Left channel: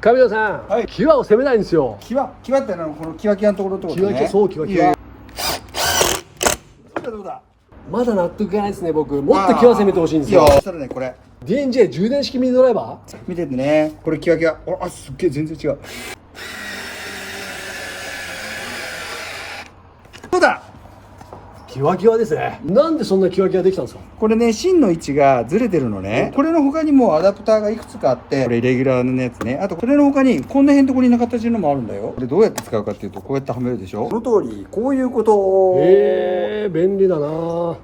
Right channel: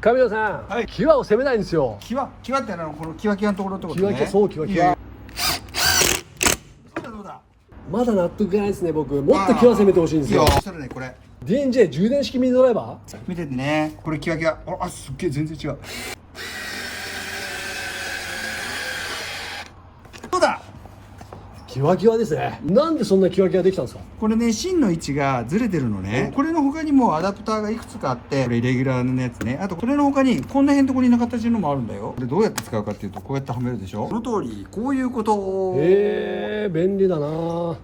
神田さん、はい際を攻めないんですよ。際ってのはこのキワキワのところってことね。そうキワキワいやいやどうだまだ納得いかないですね、僕。もっと際攻めてほしいんですよ。そしたらねこれ DNJ 充電式ミニドライバー。見ててね、これキワキワ、あすっげえ全然違う。どうだ。キワキワですね。なんでそんなキワキワできたんですか。これね、芯の位置がずれてるのね。これの他にもアダプターがいくつかあって、これレギュラーのやつね。あとこれの他にこんなへんとこにな形のもあるんだよ。でどうやって使うかっていうと、こうやってはめるでしょ。この通りこういうこと。便利だなぁ。